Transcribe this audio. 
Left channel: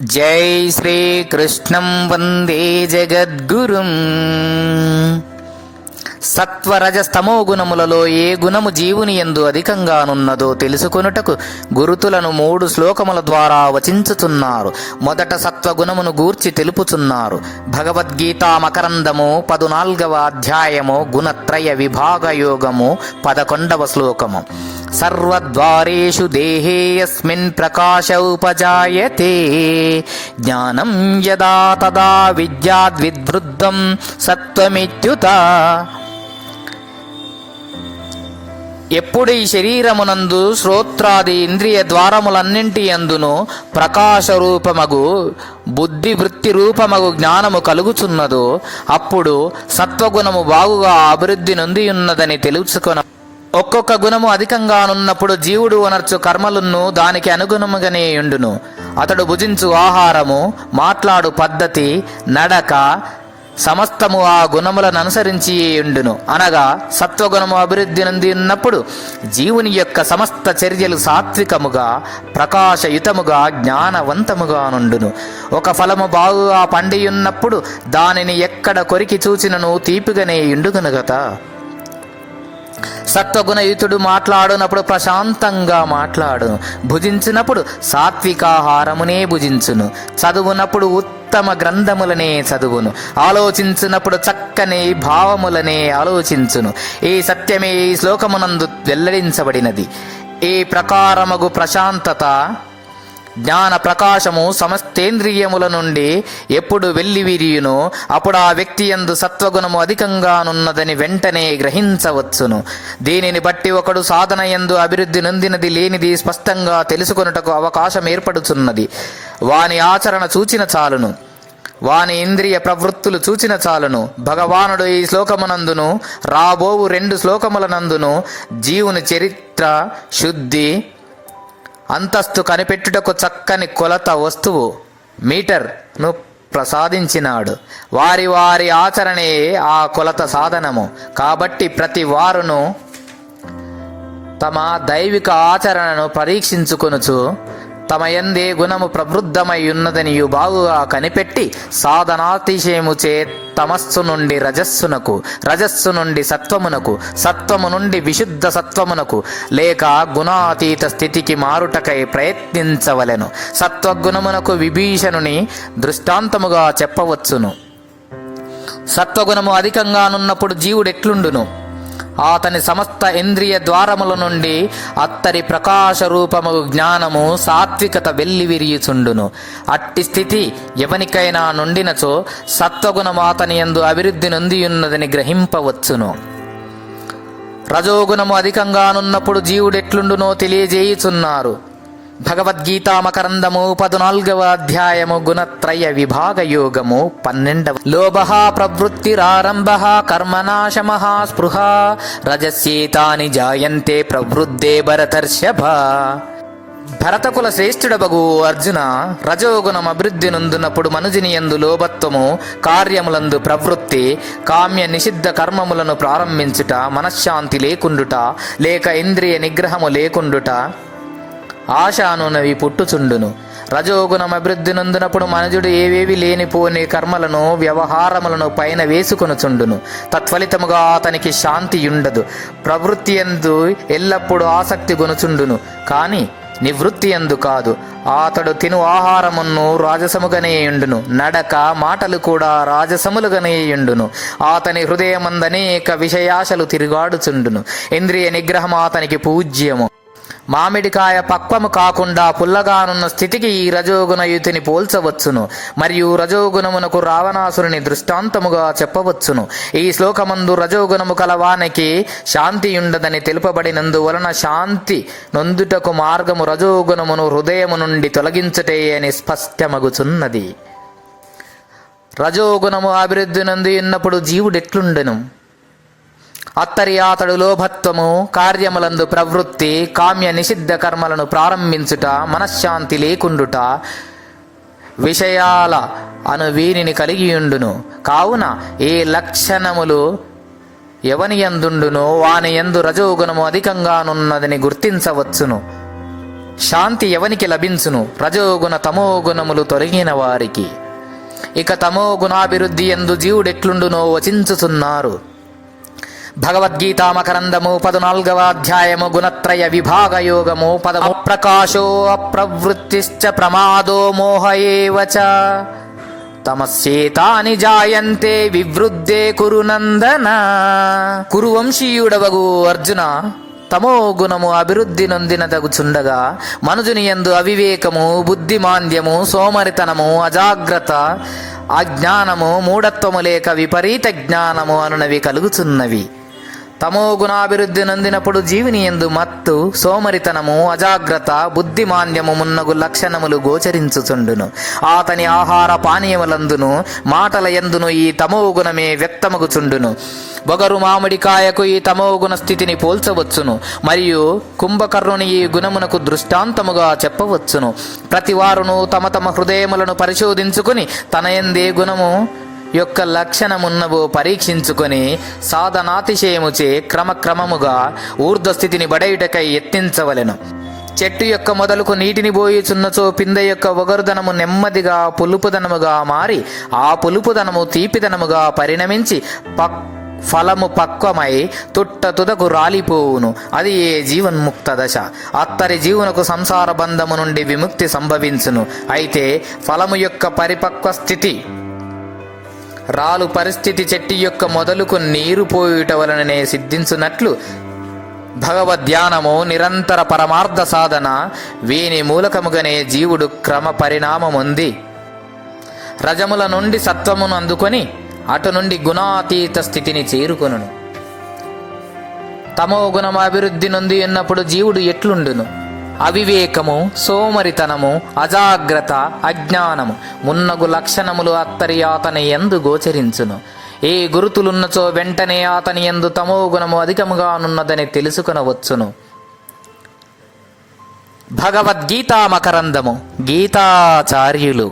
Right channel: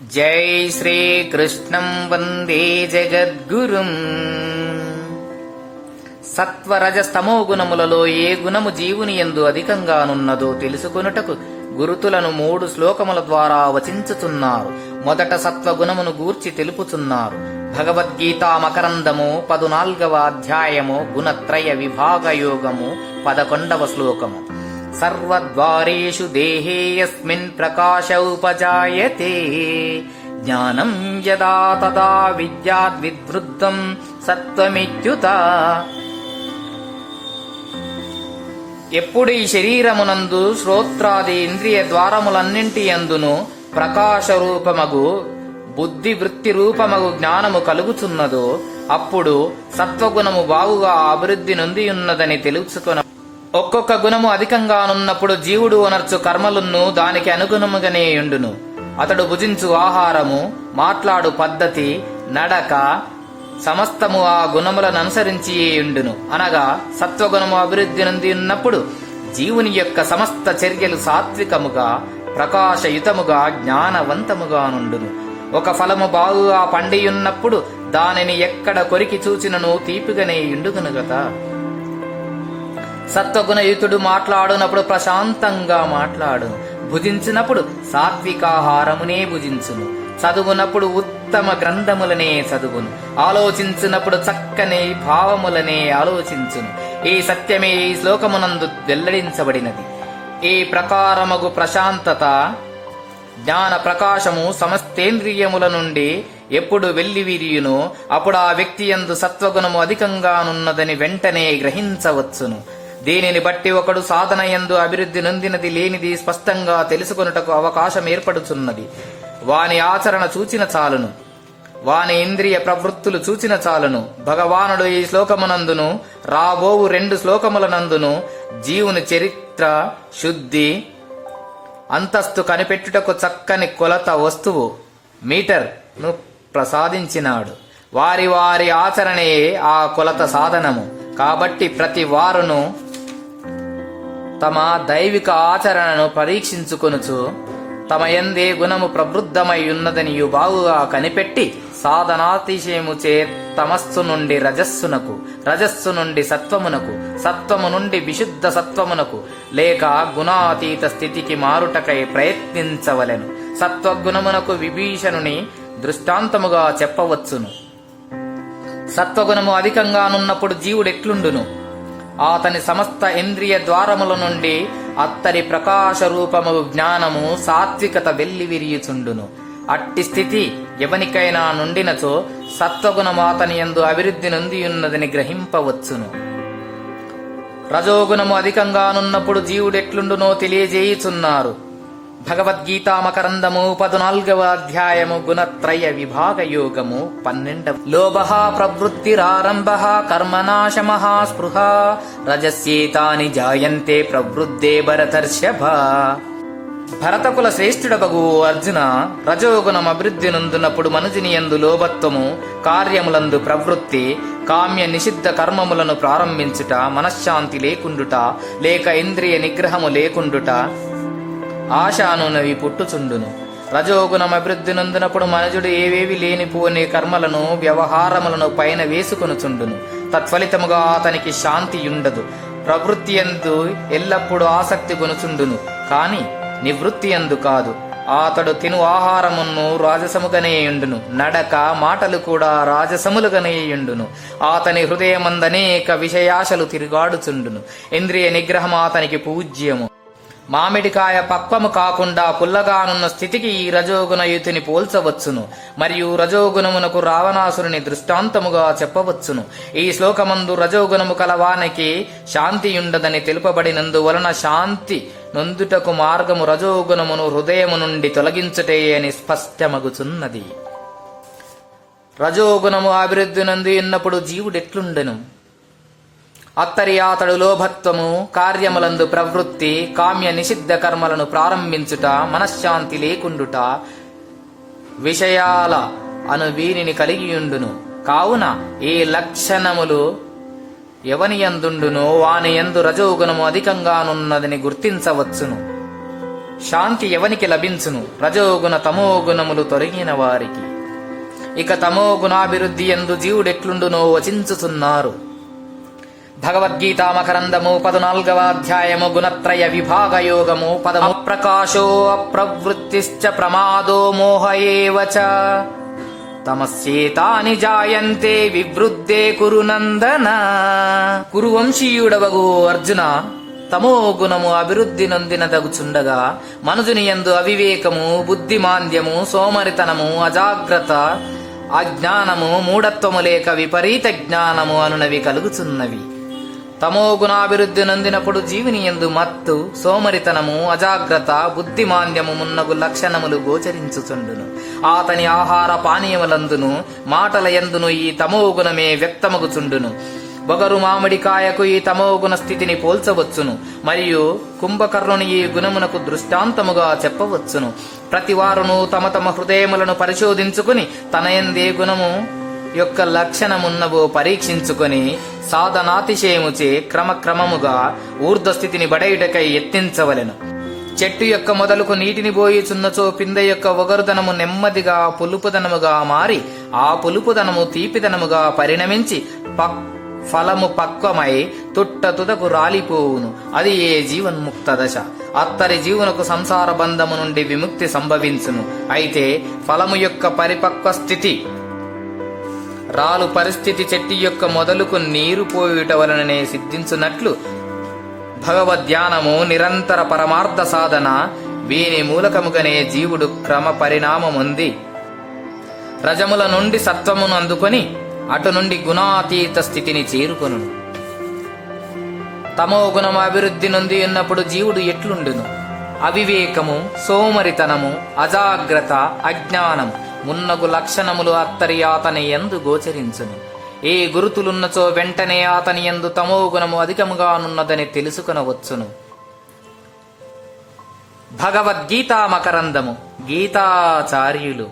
జై శ్రీకృష్ణం వందే జగద్గురుం. సత్వరజస్తమో గుణములలో ఏ గుణము జీవుని యందు అధికంగానున్నదో తెలుసుకొనుటకు గురుతులను 3 శ్లోకముల ద్వారా వచించుతున్నారు. మొదట సత్వగుణమును గూర్చి తెలుపుచున్నారు. భగవద్గీత మకరందము 14వ అధ్యాయము గుణత్రయ విభాగయోగము 11వ శ్లోకము. సర్వద్వారేషు దేహేయస్మిన్ ప్రకాశ ఉపజాయతే జ్ఞానం యదా తదా విద్యాద్విద్వృద్ధం సత్వమిత్యుత. ఎప్పుడు ఈ శరీరమునందు శ్రోత్రాది ఇంద్రియ ద్వారములన్నింటి యందును ప్రకాశరూపమగు బుద్ధి వృత్తి రూపమగు జ్ఞానము కలుగుచున్నదో అప్పుడు సత్వగుణము బాగుగా అభివృద్ధి నొందియున్నదని తెలుసుకొన. ఒక్కొక్క గుణము అధికంగానున్నప్పుడు జీవుడు అనర్చు కర్మలున్ను దానికి అనుగుణముగానే ఉండును. అతడు భుజించు ఆహారము, మాట్లాడు పద్ధతి, నడక సమస్తము ఆ గుణములను అనుసరించి ఉండును. అనగా సత్వగుణము అభివృద్ధి నంది ఉన్నప్పుడు జీవుని యొక్క సమస్త చర్యలు సాత్వికముగా ప్రకాశయుతముగా జ్ఞానవంతముగా నుండును. ఒక ఫలము బాగుగా పండియున్నప్పుడు దానిని ఎక్కడ కొరికి చూచినను తీపిగానే ఉండును కదా. సత్వగుణయుతుడు మాట్లాడునప్పుడు ప్రశాంతంగా మాట్లాడును. భుజించినప్పుడు సాత్వికాహారమునే భుజించును. చదువునప్పుడు ఉత్తమ గ్రంథములనే చదువును. ఆలోచించినప్పుడు చక్కని భావములనే ఆలోచించును. ఈ సత్యమే ఈ శ్లోకమునందు వెల్లడించబడినది. ఈ ప్రకారమగు ప్రశాంతత జ్ఞాన ప్రకాశము సమస్తేంద్రియముల నుండి ఎప్పుడు వెల్లివిరియునో అప్పుడు ఆ వ్యక్తి యందు సత్వగుణము అధికంగానున్నదని వెంటనే గ్రహించవచ్చును. దీనిని బట్టి ఒకడు సాధన యందు అభివృద్ధి నొందినది లేనిది స్పష్టంగా తెలుసుకొనుటకు అవకాశం ఏర్పడుచున్నది. వాని ఆచరణ చూచిన చాలును, వాని ఇంద్రియ ప్రవృత్తులు చూచిన చాలును. భగవానుడు ఈ శ్లోకమునందును రాబోవు 2 శ్లోకములనందును జీవుని చరిత్ర, శుద్ధి, అంతస్తు కనిపెట్టుటకు చక్కని కొలత వస్తువు మీటర్ను ప్రసాదించినాడు. వారి వారి ఆచరణే ఆ కొలత సాధనము. కాబట్టి ప్రతి వారును తమ దైవిక ఆచరణను పరీక్షించుకొనుచు తమ యందే గుణము ప్రవృద్ధమై ఉన్నదనియు బాగుగా కనిపెట్టి సాధనాతిశయముచే తమస్సు నుండి రజస్సునకు, రజస్సు నుండి సత్వమునకు, సత్వము నుండి విశుద్ధ సత్వమునకు లేక గుణాతీత స్థితికి మారుటకై ప్రయత్నించవలెను. సత్వగుణమునకు విభీషణుని దృష్టాంతముగా చెప్పవచ్చును. సత్వగుణము అధికంగానున్నప్పుడు జీవుడెట్లుండును? అతని సమస్త ఇంద్రియ ద్వారముల నుండి అత్తరి ప్రకాశ రూపము జ్ఞానము సాత్వికత వెల్లివిరియుచుండును. అట్టి స్థితి ఎవనికైనా నుండినచో సత్వగుణము అతని యందు అభివృద్ధి నొందియున్నదని గ్రహింపవచ్చును. రజోగుణము అధికంగానున్నప్పుడు జీవుడెట్లుండునో తెలియజేయుచున్నారు. భగవద్గీత మకరందము 14వ అధ్యాయము గుణత్రయ విభాగయోగము 12వ. లోభః ప్రవృత్తిరారంభః కర్మనాశమః స్పృహ రజస్యేతాని జాయంతే ప్రవృద్ధే భరతర్షభ. భరతకుల శ్రేష్ఠుడబగు అర్జున, రజోగుణం అభివృద్ధి నొందునప్పుడు మనుజుని యందు లోభత్వము, కార్యములందు ప్రవృత్తి, కామ్య నిషిద్ధ కర్మములను ప్రారంభించుట, మనశ్శాంతి లేకుండుట లేక ఇంద్రియ నిగ్రహము లేకుండుట, ఆశానునవి పుట్టుచుండును. రజోగుణం అభివృద్ధి నొందినప్పుడు మనుజుడు ఏవేవి లేనిపోని కర్మలను వ్యవహారములను పైన వేసుకొనుచుండును. తత్ఫలితముగా అతనికి శాంతి ఉండదు. ప్రవృత్తి యందు ఎల్లప్పుడూ ఆసక్తి గొనుచుండును, కాని నివృత్తి యందు కాదు. అతడు తిను ఆహారమును రాజసముగానే ఉండును, నడక మాటలు కూడా రాజసములుగానే ఉండును. అతని హృదయమందనేక విషయాశలు తిరుగాడుచుండును. ఇంద్రియ నిగ్రహం అతనికి పూజ్యము. మామిడికాయ పక్వము కాకుండా పుల్లగానున్న స్థితికి ఈ రజోగుణయుతిని పోల్చవచ్చును. మరియు రజోగుణమునకు రావణాసురుని దృష్టాంతముగా చెప్పవచ్చును. ఈ శ్లోకమందు రజోగుణము కలవానికి శాంతి ఉండదని తెలుపబడినందువలన శాంతి నొందుటకు మార్గము రజోగుణమును హృదయము నుండి తొలగించుటే అని స్పష్టమగుచున్నది. రజోగుణము అభివృద్ధి నొంది ఉన్నప్పుడు జీవుడెట్లుండెను? అతడు లోభత్వము, కార్యములందు ప్రవృత్తి, కామ్య నిషిద్ధ కర్మలను ప్రారంభించుట, మనశ్శాంతి లేకుండుట, విషయాల అను వీనిని కలిగియుండును. కావున ఏ లక్షణములు ఎవని యందుండునో వాని యందు రజోగుణము అధికంగానున్నదని గుర్తించవచ్చును. శాంతి ఎవనికి లభించును? రజోగుణ తమోగుణములు తొలగిన వారికి. ఇక తమోగుణాభివృద్ధి యందు జీవుడెట్లుండునో వచించుచున్నారు. భగవద్గీత మకరందము 14వ అధ్యాయము గుణత్రయ విభాగ యోగము 10 ప్రకాశో అప్రవృత్తిశ్చ ప్రమాదో మోహ ఏవ చ తమస్యేతాని జాయంతే వివృద్ధే కురునందన. కురువంశీయుడవగు అర్జున, తమో గుణము అభివృద్ధి నొందినదగుచుండగా మనుజుని యందు అవివేకము, బుద్ధిమాంద్యము, సోమరితనము, అజాగ్రత్త, అజ్ఞానము, మూఢత్వము లేక విపరీత జ్ఞానము అనునవి కలుగుచున్నవి. తమో గుణాభివృద్ధి నొందినప్పుడు జీవుని యందు మత్తు, సోమరితనము, అజాగ్రత్త, బుద్ధిమాంద్యము మున్నగు లక్షణములు గోచరించుచుండును. అతని ఆహార పానీయములందును మాటల యందును ఈ తమో గుణమే వ్యక్తమగుచుండును. బొగరు మామిడికాయకు ఈ తమోగుణ స్థితిని పోల్చవచ్చును, మరియు కుంభకర్ణుని ఈ గుణమునకు దృష్టాంతముగా చెప్పవచ్చును. ప్రతివారును తమ తమ హృదయములను పరిశోధించుకుని తన యందే గుణము యొక్క లక్షణమున్నవో పరీక్షించుకొని సాధనాతిశయముచే క్రమక్రమముగా ఊర్ధ్వస్థితిని బడయుటకై యత్నించవలెను. చెట్టు యొక్క మొదలుకు నీటిని పోయిచున్నచో పిందె యొక్క ఒగరుదనము నెమ్మదిగా పులుపుదనముగా మారి ఆ పులుపుదనము తీపిదనముగా పరిణమించి ఫలము పక్వమై తుదకు రాలిపోవును. అది ఏ జీవన్ముక్త దశ. అత్తరి జీవునకు సంసార బంధము నుండి విముక్తి సంభవించును. అయితే ఫలము యొక్క పరిపక్వ స్థితి రాలు పరిస్థితి చెట్టు యొక్క మొదలుకు నీరు పోయుట వలననే సిద్ధించున్నట్లు భగవద్ధ్యానము, నిరంతర పరమార్థ సాధన వీని మూలకముగానే జీవుడు క్రమ పరిణామముంది రజముల నుండి సత్వమును అందుకొని అటు నుండి గుణాతీత స్థితిని చేరుకొనును. తమో గుణము అభివృద్ధి నొంది ఉన్నప్పుడు జీవుడు ఎట్లుండును? అవివేకము, సోమరితనము, అజాగ్రత్త, అజ్ఞానము మున్నగు లక్షణములు అత్తరి అతని యందు గోచరించును. ఏ గురుతులున్నచో వెంటనే అతని యందు తమో గుణము అధికముగానున్నదని తెలుసుకొనవచ్చును. భగవద్గీతా మకరందము. గీతాచార్యులు.